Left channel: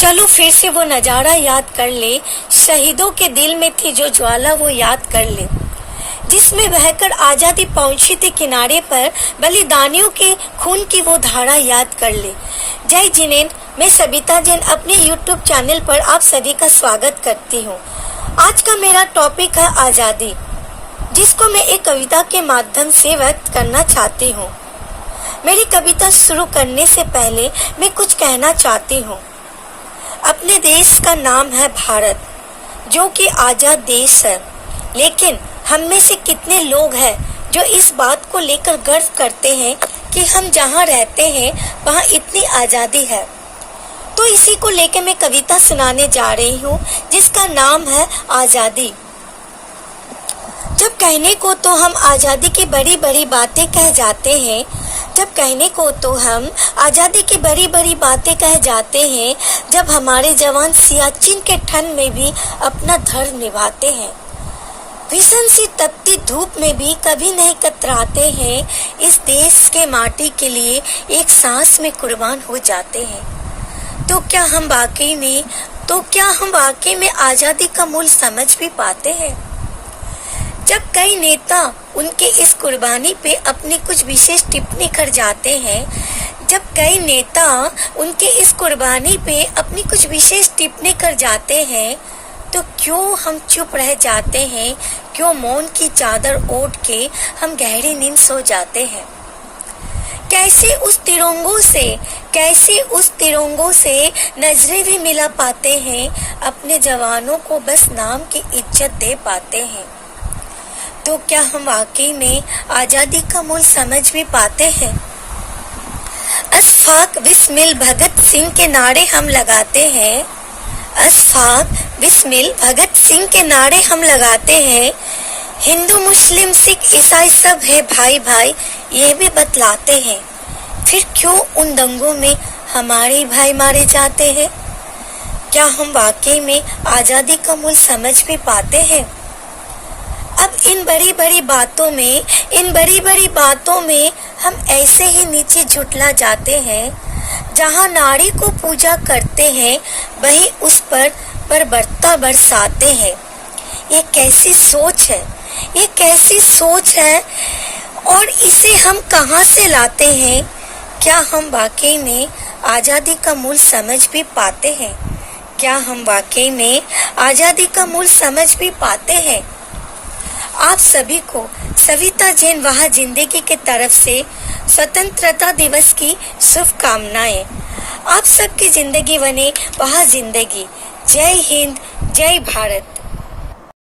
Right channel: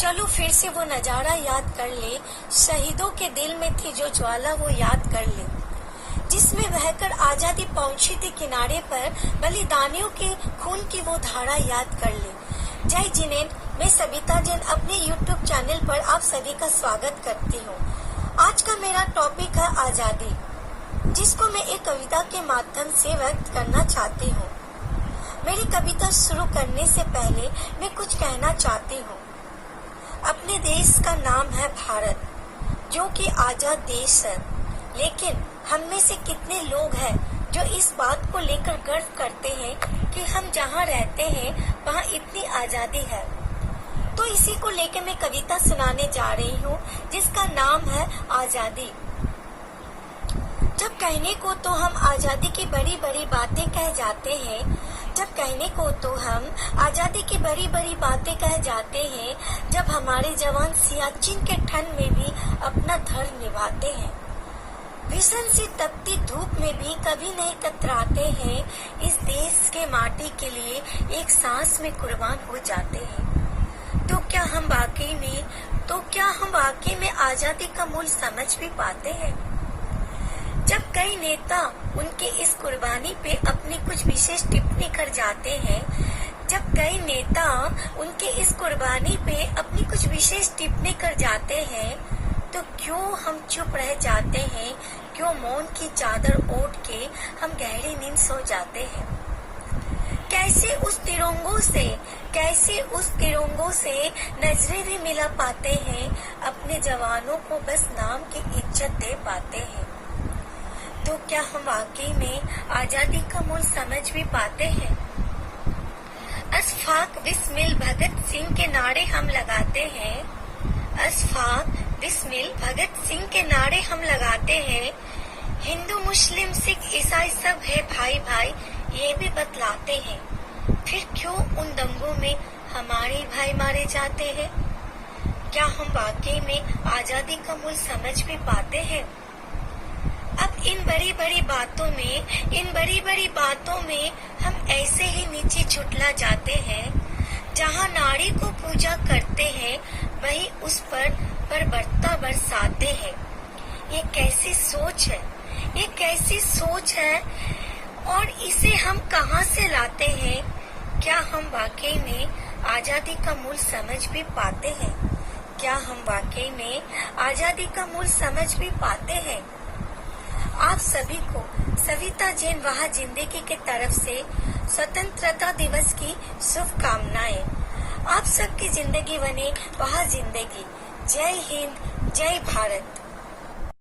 चलो फिर से वो नजारा याद कर ले, शहीदों के दिल में थी जो ज्वाला वो याद कर ले, जिसमें बहकर आजादी पहुंची थी किनारे पर, बलिदानियों के खून की वो धारा याद कर ले। जय जिनेंद्र, मैं सबिता जैन अपने YouTube चैनल पर आप सभी का स्वागत करती हूँ। आज का मेरा टॉपिक है आजादी, जिसको मैं एक कविता के माध्यम से व्यक्त करना चाहती हूँ। मेरी कविता शुरू करने से पहले मैं कुछ कहना चाहती हूँ। अपने देश का नाम है भारत, जो कि आजाद देश है, लेकिन हम में से कितने लोग हैं जो इस बात को लेकर गर्व करते हैं कि हम जहाँ रहते हैं वहाँ इतनी आजादी है। तो इसी को लेकर मैं कविता सुनाने जा रही हूँ, जिसका नाम है आजादी। जब कहने को तो हम आजादी की बड़ी बड़ी बातें कह जाते हैं, जब कहने को तो हम आजादी की बड़ी बड़ी बातें कह जाते हैं, जब हमारे जवान सियाचिन के ठंड में भी अपना धर्म निभाते हैं, भीषण सी तपती धूप में भी कभी नहीं कतराते हैं, इस देश के माटी के लिए एक सांस में कुर्बान हो जाते हैं। तो क्या हम वाकई में आजादी का मूल्य समझ भी पाते हैं? जब कई नेता उनके इस कुर्बानी पे अपनी कुछ विशेष टिप्पणी कर जाते हैं, तो क्यों हम चुप रह जाते हैं? क्यों मौन की चादर ओढ़ के हम गहरी नींद सो जाते हैं? कैसे उस तिरंगों से नजरें भी मिला पाते हैं, अपने जवानों को बस नाम की इज्जत दे पाते हैं। तो क्या हम वाकई में आजादी का मूल्य समझ भी पाते हैं? अशफाक बिस्मिल भगत सिंह के नारे हम लगाते हैं, हिंदू मुस्लिम सिख ईसाई सब है भाई भाई, ये भी बतलाते हैं। फिर क्यों उन दंगों में हमारे भाई मारे जाते हैं? क्या हम वाकई में आजादी का मूल्य समझ भी पाते हैं? अब इन बड़ी बड़ी बातों में हम ऐसे ही नीचे झुटला जाते हैं। जहाँ नारी को पूजा करते हैं, वही उस पर बर्ता बरसाते हैं। ये कैसी सोच है और इसे हम कहाँ से लाते हैं? क्या हम वाकई में आजादी का मूल्य समझ भी पाते हैं? आप सभी को सविता जैन वहाँ जिंदगी की तरफ से स्वतंत्रता दिवस की शुभकामनाएं। आप सबकी जिंदगी बने वहाँ जिंदगी। जय हिंद, जय भारत।